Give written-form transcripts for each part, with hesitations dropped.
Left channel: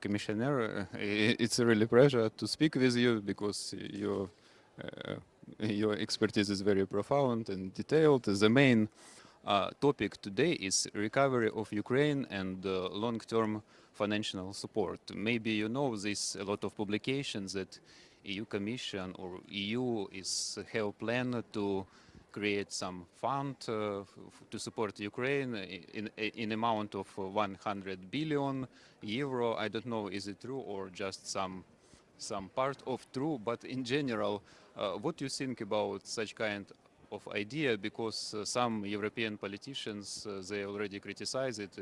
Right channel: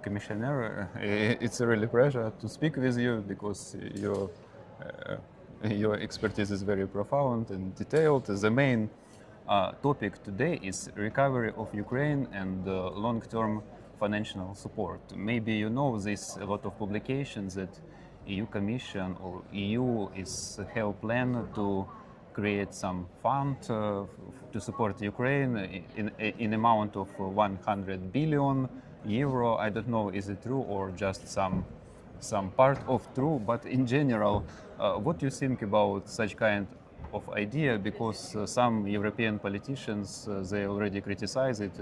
Commissioner. It's a really pleasure to speak with you because your expertise is very profound and detailed. The main topic today is recovery of Ukraine and long-term financial support. Maybe you know this a lot of publications that EU Commission or EU have a plan to create some fund to support Ukraine in amount of 100 billion euro. I don't know, is it true or just some part of true, but in general, what do you think about such kind of idea? Because some European politicians they already criticize it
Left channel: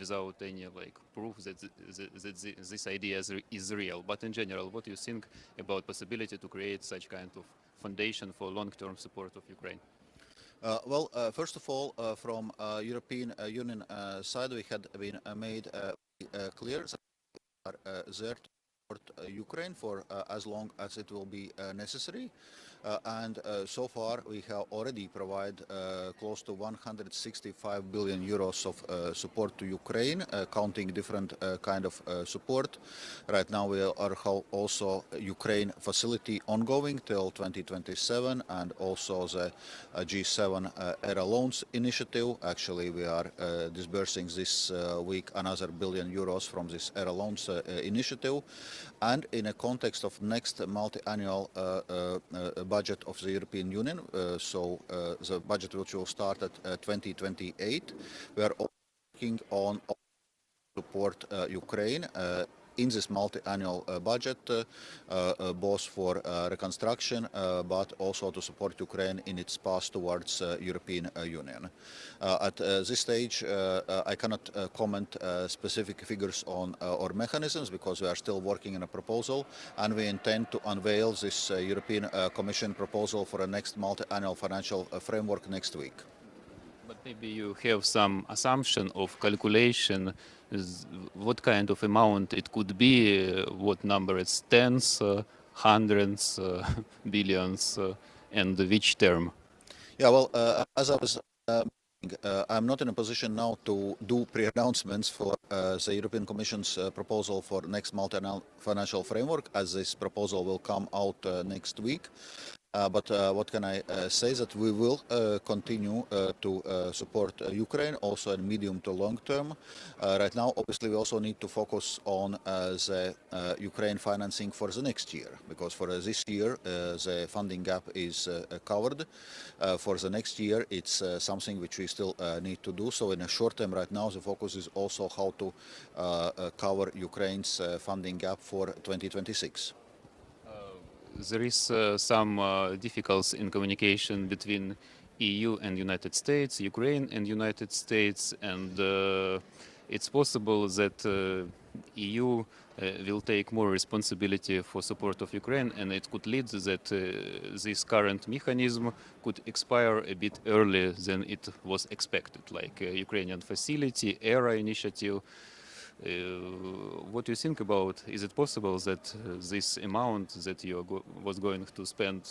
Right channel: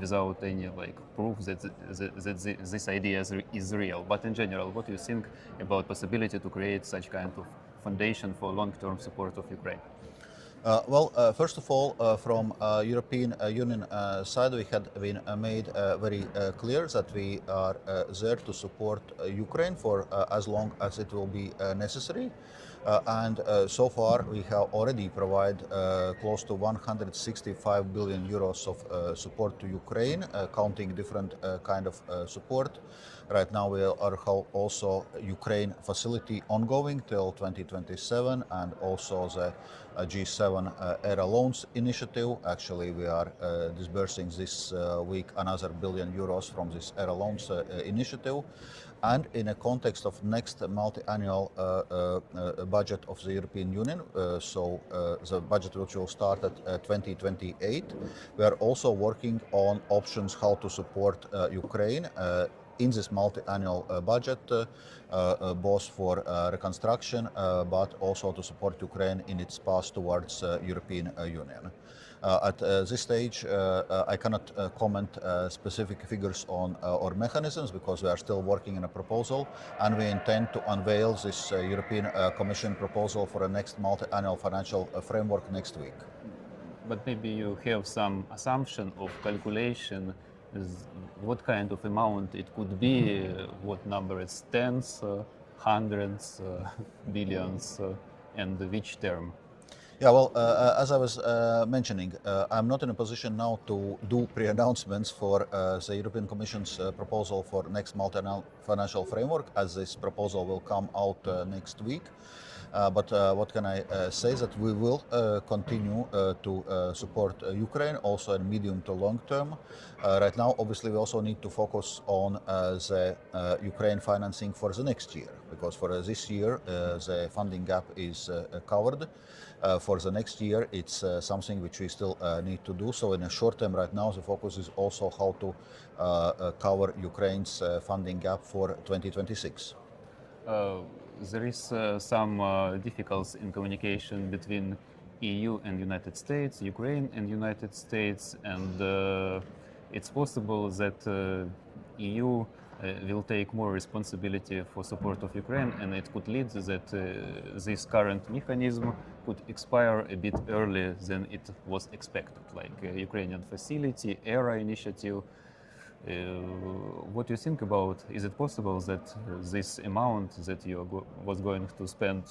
without any proof that this idea is real. But in general, what do you think about possibility to create such kind of foundation for long-term support of Ukraine? First of all, from European Union side, we had been made very clear that we are there to support Ukraine for as long as it will be necessary. And so far, we have already provided close to 165 billion euros of support to Ukraine, counting different kind of support. Right now, we are also Ukraine facility ongoing till 2027, and also the G7 ERA loans initiative. Actually, we are disbursing this week another billion euros from this ERA loans initiative. And in a context of next multi-annual budget of the European Union, so the budget which will start at 2028, we are also working on options how to support Ukraine in this multi-annual budget, both for reconstruction, but also to support Ukraine in its path towards European Union. At this stage, I cannot comment specific figures on or mechanisms because we are still working on a proposal, and we intend to unveil this European Commission proposal for the next multi-annual financial framework next week. But maybe you have some assumption of calculation. What kind of amount it could be? What number is tens, hundreds, billions, and which term? Yeah, well, as I was mentioning, I'm not in a position now to do pre-announcements for the European Commission's proposal for next multi-annual financial framework, as this proposal will come out next week. But what can I say that we will continue to support Ukraine also in medium to long term. Right now, obviously, we also need to focus on the Ukraine financing for the next year, because for this year, the funding gap is covered. For the next year, it's something which we still need to do. So in the short term right now, the focus is also how to cover Ukraine's funding gap for 2026. There is some difficulties in communication between EU and United States, Ukraine and United States, and it's possible that EU will take more responsibility for support of Ukraine, and it could lead that this current mechanism could expire a bit earlier than it was expected, like Ukrainian facility, ERA initiative. What do you think about? Is it possible that this amount that you was going to spend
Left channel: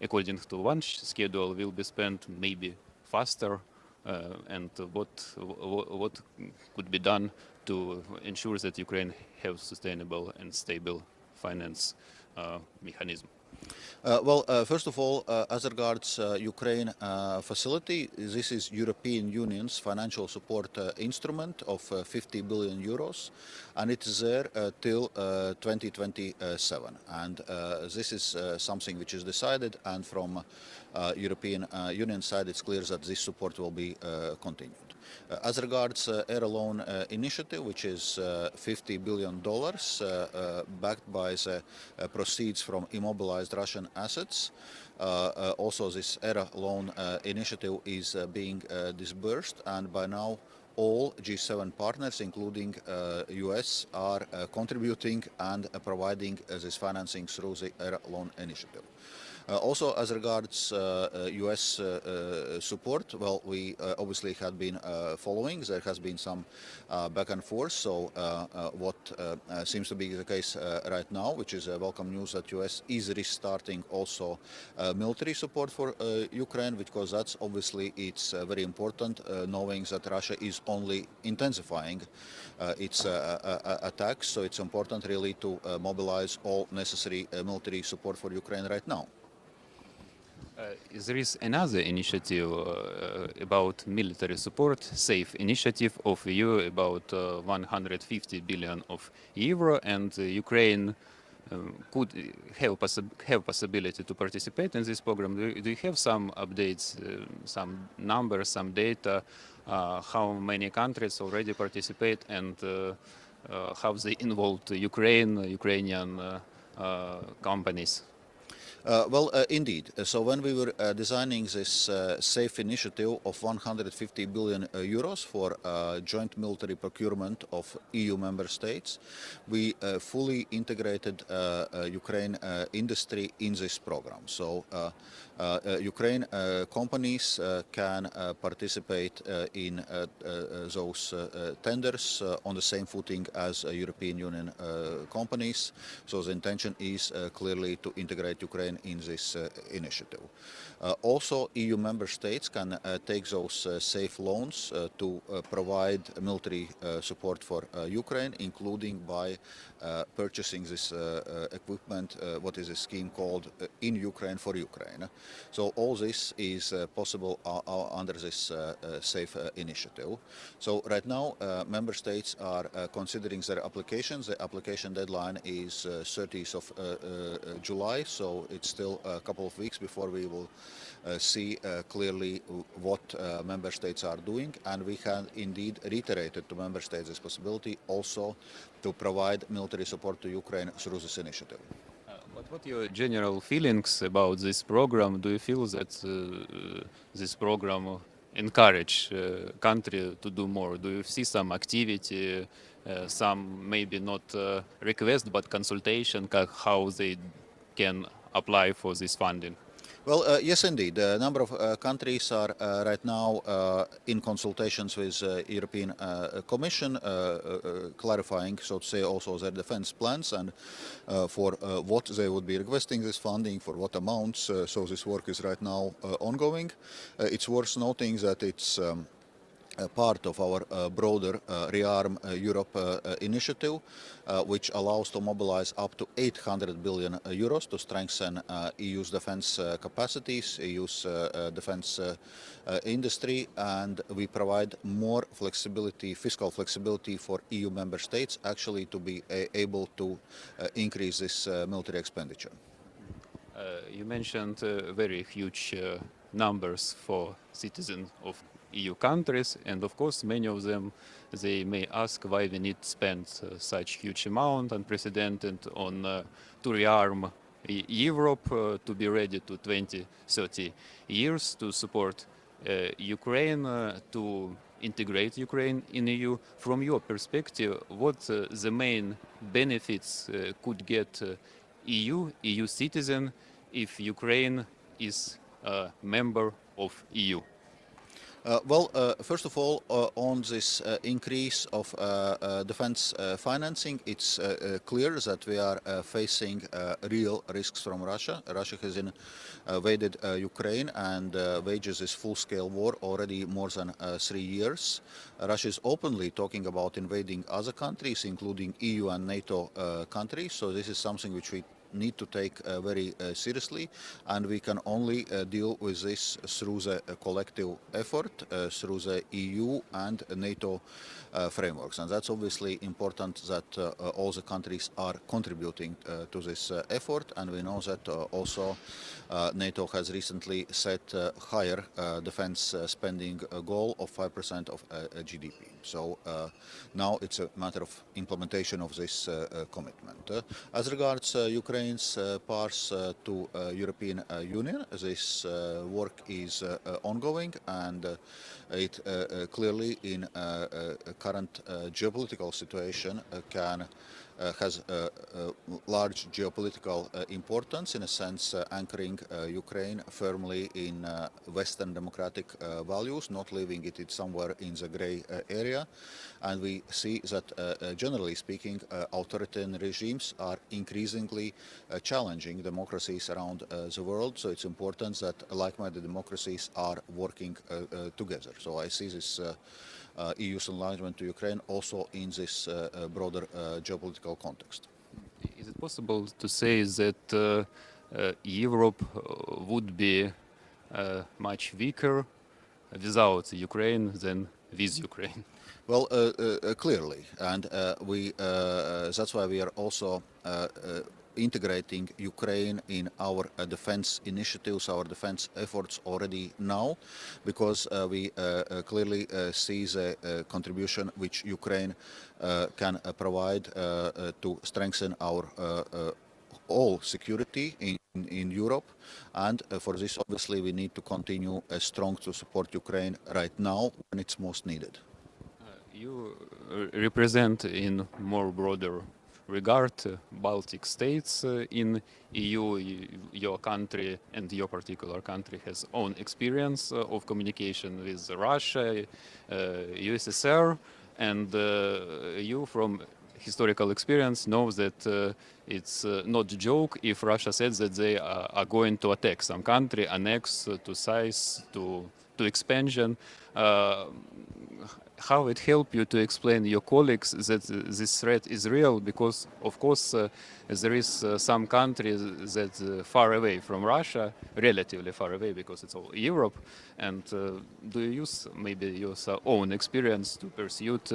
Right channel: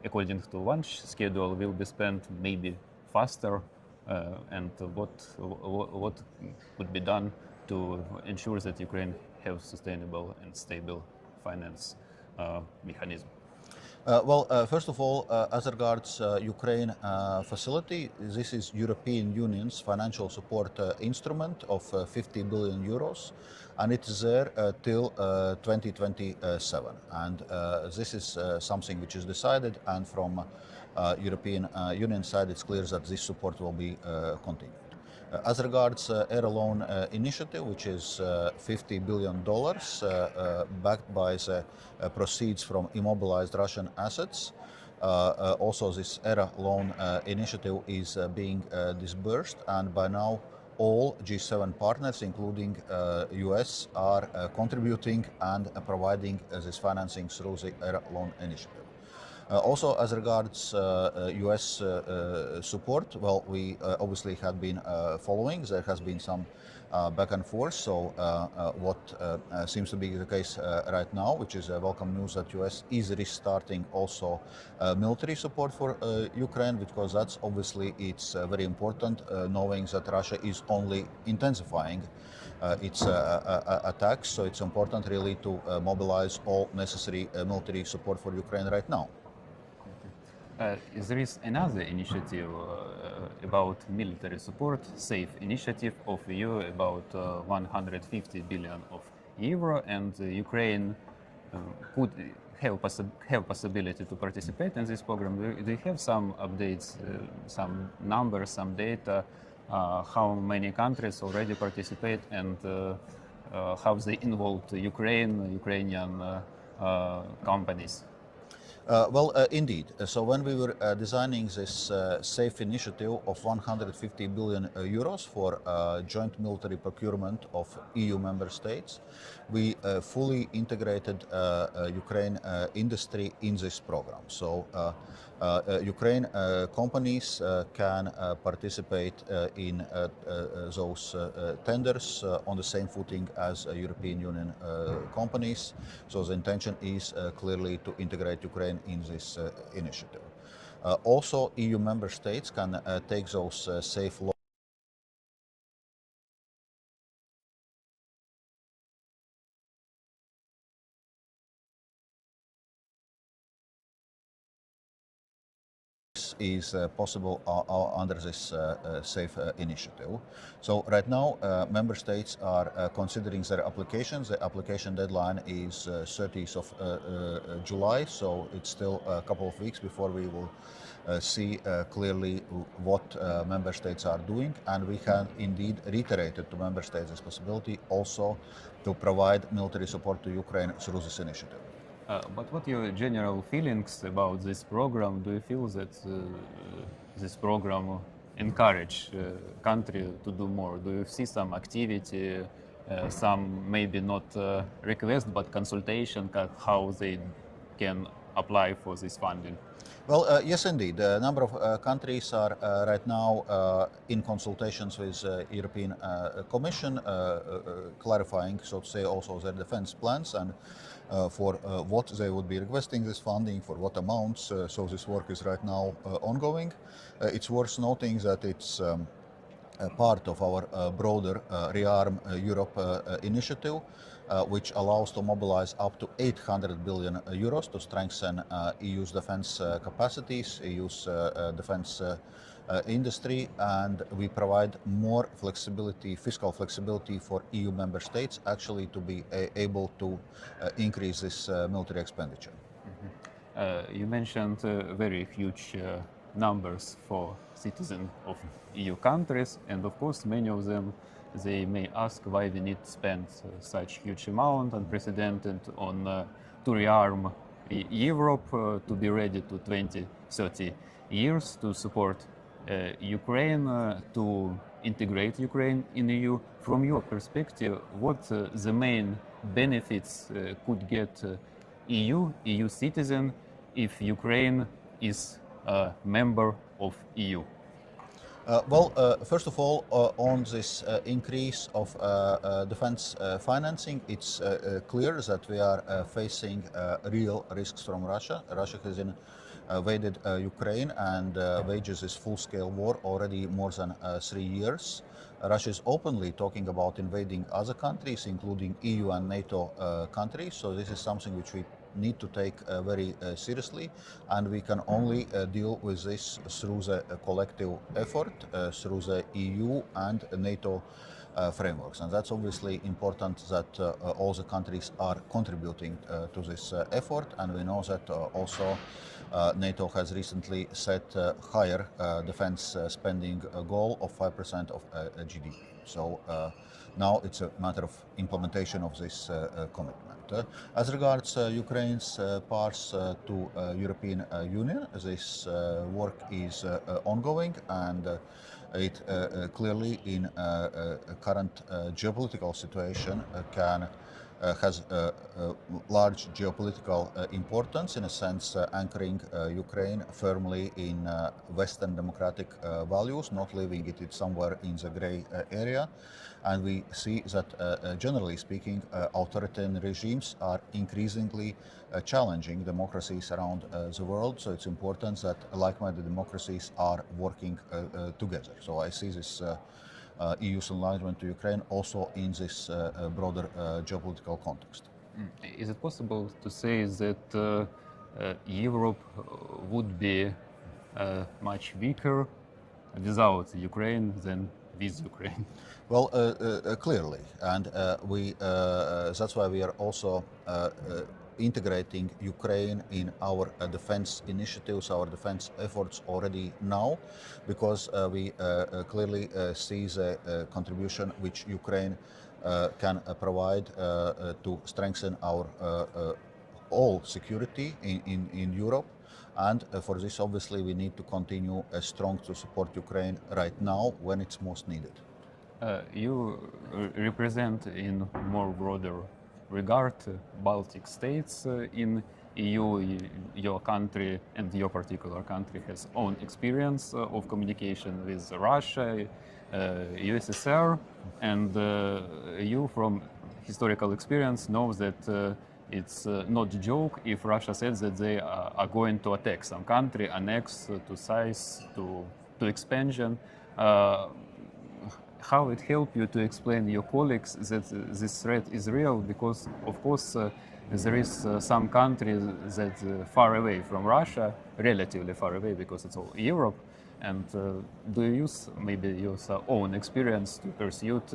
according to one schedule will be spent maybe faster? And what could be done to ensure that Ukraine have sustainable and stable finance mechanism? First of all, as regards Ukraine facility, this is European Union's financial support instrument of 50 billion euros, and it is there till 2027. And this is something which is decided, and from European Union side, it's clear that this support will be continued. As regards ERA loan initiative, which is $50 billion backed by the proceeds from immobilized Russian assets. Also, this ERA loan initiative is being disbursed, and by now all G7 partners, including US, are contributing and providing this financing through the ERA loan initiative. Also, as regards US support, well, we obviously have been following. There has been some back and forth. So what seems to be the case right now, which is welcome news, that US is restarting also military support for Ukraine, because that's obviously it's very important, knowing that Russia is only intensifying its attacks. So it's important really to mobilize all necessary military support for Ukraine right now. There is another initiative about military support, SAFE initiative of EU, about 150 billion of euro, and Ukraine could have possibility to participate in this program. Do you have some updates, some numbers, some data, how many countries already participate, and how they involved Ukrainian companies? Indeed. So when we were designing this SAFE initiative of 150 billion euros for joint military procurement of EU member states, we fully integrated Ukraine industry in this program. So Ukraine companies can participate in those tenders on the same footing as European Union companies. So the intention is clearly to integrate Ukraine in this initiative. Also, EU member states can take those safe loans to provide military support for Ukraine, including by purchasing this equipment, what is a scheme called In Ukraine for Ukraine. So all this is possible under this SAFE initiative. So right now, member states are considering their applications. The application deadline is 30th of July, so it's still a couple of weeks before we will see clearly what member states are doing, and we have indeed reiterated to member states this possibility also to provide military support to Ukraine through this initiative. But what are your general feelings about this program? Do you feel that this program encourage country to do more? Do you see some activity, some maybe not request but consultation, how they can apply for this funding? Well, yes, indeed. A number of countries are right now in consultations with European Commission, clarifying, so to say, also their defense plans and for what they would be requesting this funding, for what amounts. So this work is right now ongoing. It's worth noting that it's part of our broader Rearm Europe initiative, which allows to mobilize up to 800 billion euros to strengthen EU's defense capacities, EU's defense industry, and we provide more flexibility, fiscal flexibility for EU member states actually to be able to increase this military expenditure. You mentioned very huge numbers for citizens of EU countries, and of course many of them they may ask why we need to spend such huge amount unprecedented on to rearm Europe to be ready to 20-30 years to support Ukraine, to integrate Ukraine in EU. From your perspective, what the main benefits could get EU citizen if Ukraine is a member of EU? First of all, on this increase of defense financing, it's clear that we are facing real risks from Russia. Russia has invaded Ukraine and wages this full-scale war already more than 3 years. Russia is openly talking about invading other countries, including EU and NATO countries. So this is something which we need to take very seriously, and we can only deal with this through the collective effort, through the EU and NATO frameworks. And that's obviously important that all the countries are contributing to this effort, and we know that also NATO has recently set a higher defense spending goal of 5% of GDP. So now it's a matter of implementation of this commitment. As regards Ukraine's path to European Union, this work is ongoing, and it clearly in current geopolitical situation has large geopolitical importance, in a sense anchoring Ukraine firmly in Western democratic values, not leaving it somewhere in the gray area. And we see that, generally speaking, authoritarian regimes are increasingly challenging democracies around the world. So it's important that like-minded democracies are working together. So I see this EU's enlargement to Ukraine, also in this broader geopolitical context. Is it possible to say that Europe would be much weaker without Ukraine than with Ukraine? Well, clearly, and that's why we are also integrating Ukraine in our defense initiatives, our defense efforts already now, because we clearly see the contribution which Ukraine can provide to strengthen our all security in Europe. And for this, obviously, we need to continue strong to support Ukraine right now when it's most needed. You represent in more broader regard Baltic states in EU. Your country and your particular country has own experience of communication with Russia, USSR, and you from historical experience knows that it's not a joke if Russia says that they are going to attack some country, annex to size, to expansion. How it help you to explain your colleagues that this threat is real? Because of course there is some countries that far away from Russia, relatively far away because it's all Europe. And do you use maybe your own experience to persuade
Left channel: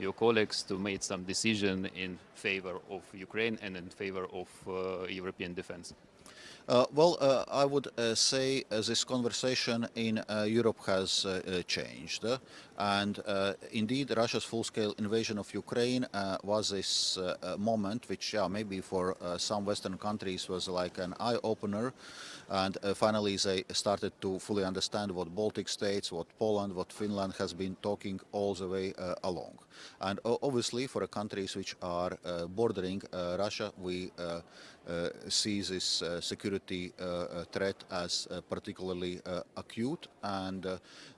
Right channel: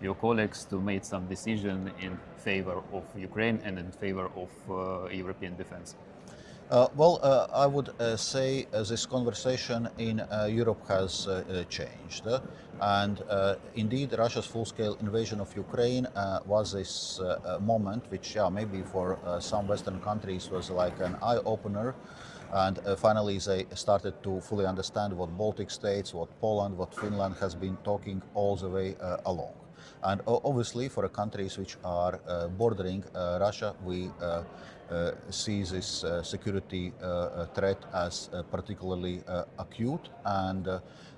your colleagues to make some decision in favor of Ukraine and in favor of European defense? I would say this conversation in Europe has changed. And indeed, Russia's full-scale invasion of Ukraine was this moment which, maybe for some Western countries was like an eye-opener. And finally, they started to fully understand what Baltic states, what Poland, what Finland has been talking all the way along. And obviously, for countries which are bordering Russia, we see this security threat as particularly acute. And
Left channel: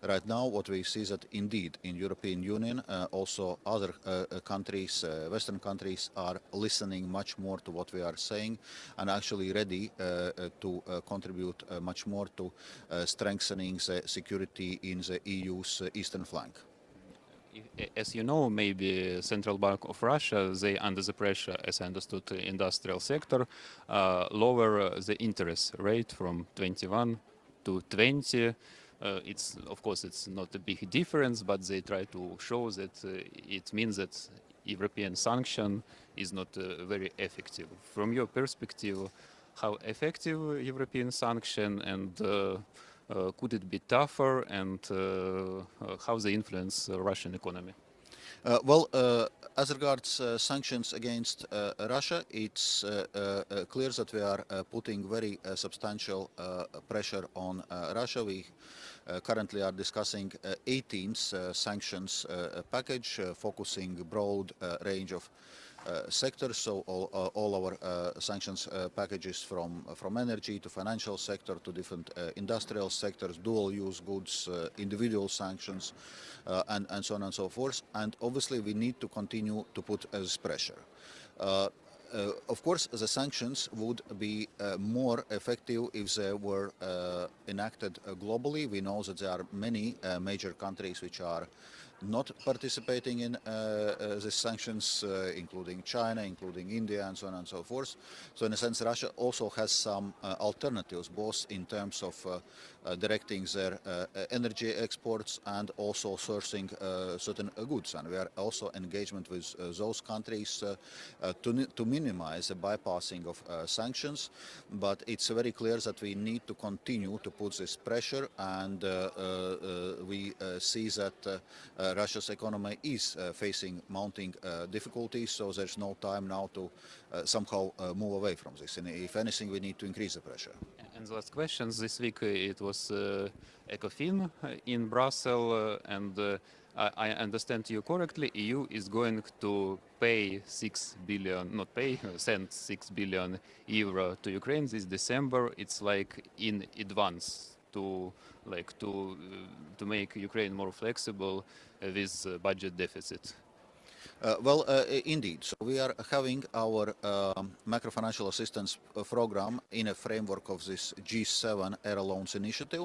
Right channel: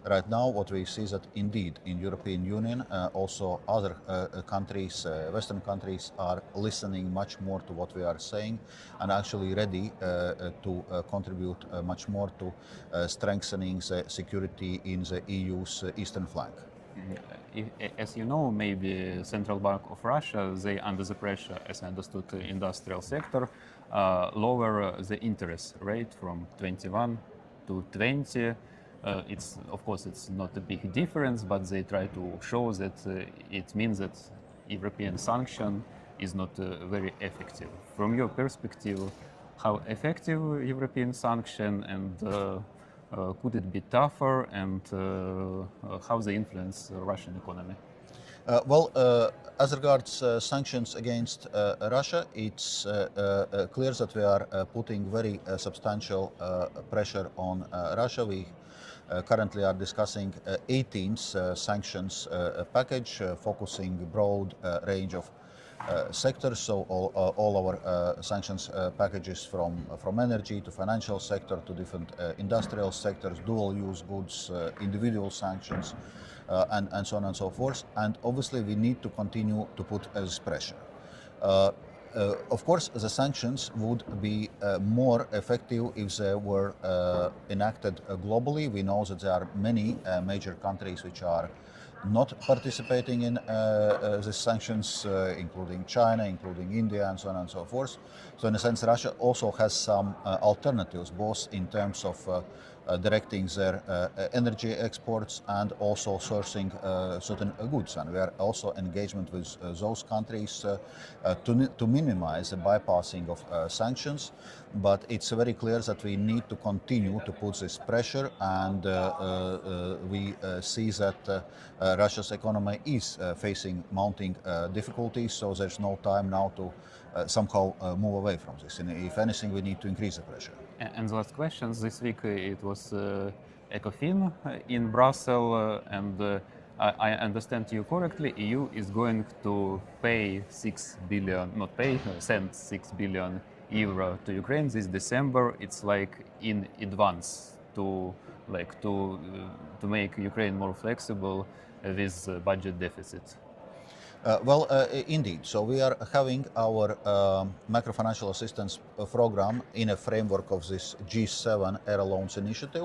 right now, what we see is that indeed in European Union, also other countries, Western countries, are listening much more to what we are saying and actually ready to contribute much more to strengthening the security in the EU's eastern flank. As you know, maybe Central Bank of Russia, they under the pressure, as I understood, the industrial sector, lower the interest rate from 21 to 20. It's of course it's not a big difference, but they try to show that it means that European sanction is not very effective. From your perspective, how effective European sanction and could it be tougher, and how they influence the Russian economy? As regards sanctions against Russia, it's clear that we are putting very substantial pressure on Russia. We currently are discussing 18th sanctions package, focusing broad range of sectors, so all our sanctions packages from energy to financial sector to different industrial sectors, dual-use goods, individual sanctions, and so on and so forth. And obviously, we need to continue to put this pressure. Of course, the sanctions would be more effective if they were enacted globally. We know that there are many major countries which are not participating in the sanctions, including China, including India, and so on and so forth. So in a sense, Russia also has some alternatives, both in terms of directing their energy exports and also sourcing certain goods. And we are also engagement with those countries to minimize the bypassing of sanctions. But it's very clear that we need to continue to put this pressure, and we see that Russia's economy is facing mounting difficulties, so there's no time now to somehow move away from this. And if anything, we need to increase the pressure. And the last question, this week it was Ecofin in Brussels, and I understand you correctly, EU is going to pay 6 billion, not pay, send 6 billion euro to Ukraine this December. It's like in advance to make Ukraine more flexible with budget deficit. Indeed. So we are having our macro-financial assistance program in a framework of this G7 air loans initiative.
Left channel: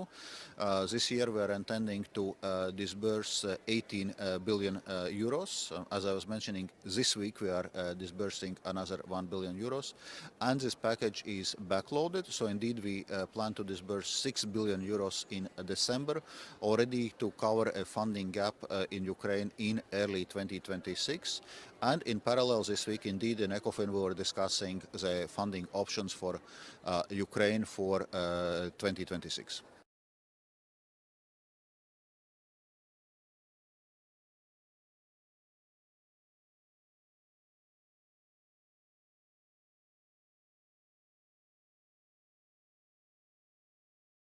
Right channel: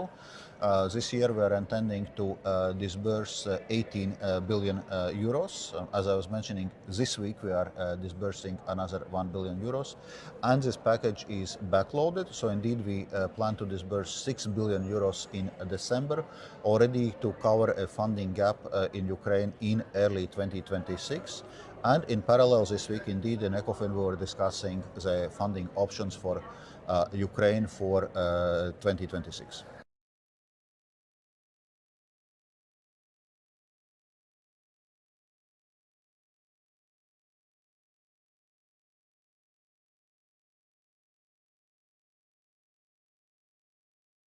This year we are intending to disburse 18 billion euros. As I was mentioning, this week we are disbursing another 1 billion euros. And this package is backloaded. So indeed we plan to disburse 6 billion euros in December, already to cover a funding gap in Ukraine in early 2026. And in parallel this week, indeed, in ECOFIN we were discussing the funding options for Ukraine for 2026.